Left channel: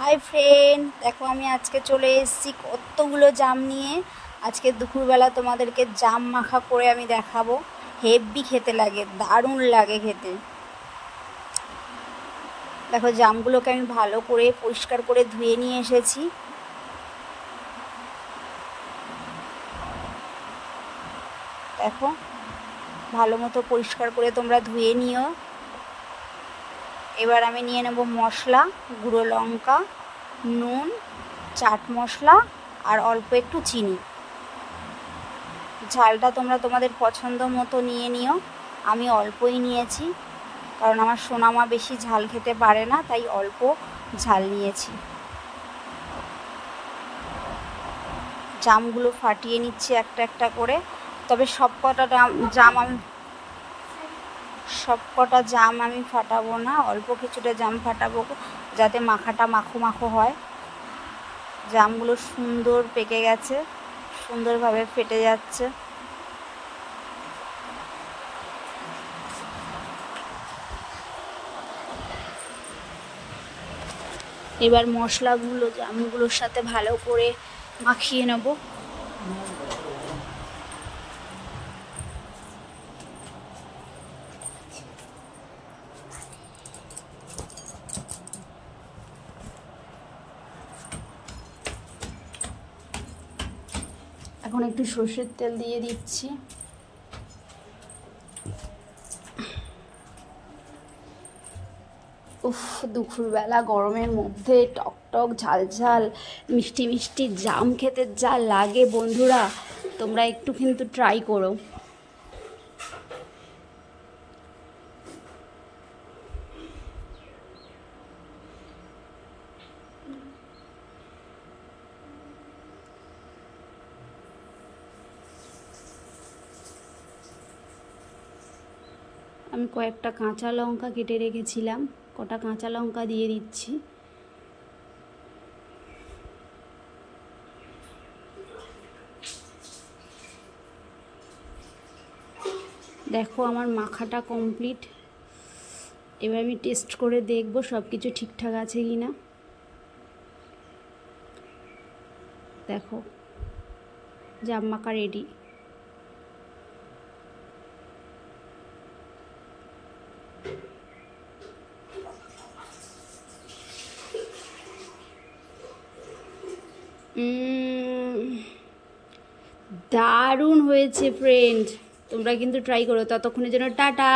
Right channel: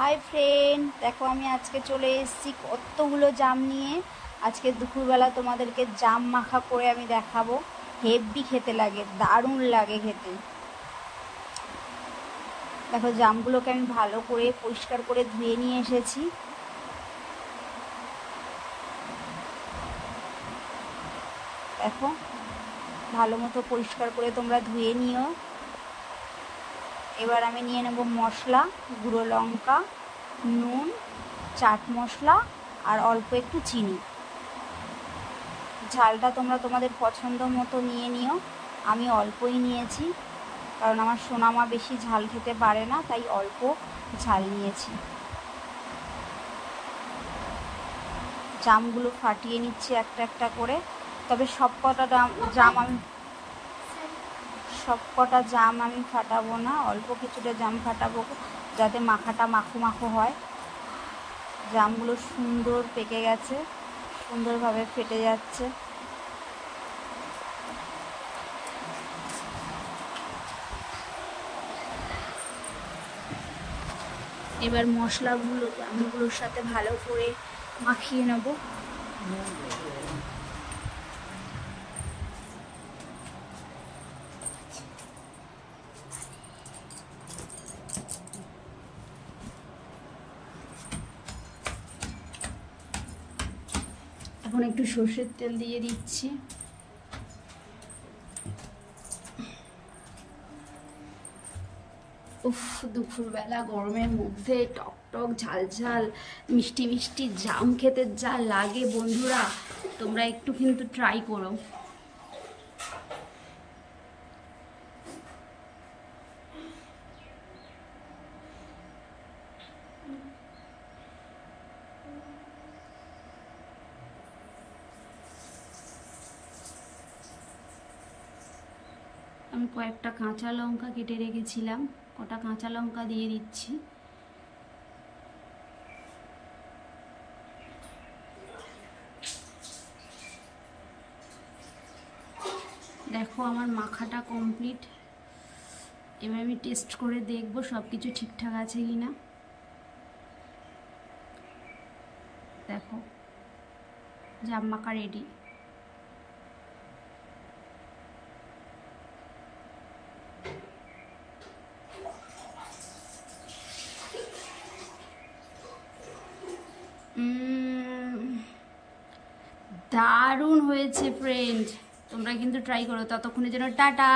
Hi friend, দেখো আমি আজকে চলে এসেছি কতগুলো জাম নিয়ে। আজকে দুপুরবেলা তোমাদেরকে জাম মাখা করে আমি দেখাবো। হেভি খেতে লাগে, দারুণ লাগে খেতে। দেখো জামগুলোকে আমি ভালো করে পরিষ্কার করে ধুয়ে নিয়ে এসেছি। দেখো ভালো মতো পরিষ্কার করে তোমরা ধুয়ে নিও। এবার আমি নিয়ে নেব মশলা, গুঁড়ো লঙ্কা, নুন, চাট মশলা আর অল্প একটু চিনি। ঝালটা তোমরা তোমাদের পছন্দ মতো নিয়ে নিও। আমি অল্পই নিয়েছি, কারণ আমার সোনামা বেশি ঝাল খেতে পারে না, তাই অল্প ঝাল নিয়েছি। জামগুলো ফাটিয়ে নিচ্ছি একটা একটা করে। তবে সব কটা জাম আমি ফাটাবো না, অল্প কিছুটা জাম ফাটাবো, যাতে মাখাটা মাখো মাখো হয়। জামগুলো সুন্দর পেকে গেছে, সুন্দরভাবে ফেটে যাচ্ছে। এবার মশলাগুলো জামগুলোর সাথে ভালো করে মাখিয়ে নেব। এখন একটু সর্ষের তেল দিয়ে দিচ্ছি। উফ, দুপুরবেলা গরমের মধ্যে টক টক ঝাল ঝাল মিষ্টি মিষ্টি জাম খেতে যা লাগে বন্ধুরা, তোমরা একটু কিন্তু ট্রাই করো। আমি কয়েকটা কাঁচা লঙ্কা কেটে রেখেছিলাম, কটা কাঁচা লঙ্কা দিয়ে দিচ্ছি। দেখো আমার মাখাটা কমপ্লিট। এবার আমি টেস্ট করে দেখব সব কিছু ঠিকঠাক আছে কি না। দেখো জাম মাখা রেডি। দারুণ হয়েছে ফ্রেন্ড, তোমরা কিন্তু ট্রাই করো। ততক্ষণের জন্য টাটা।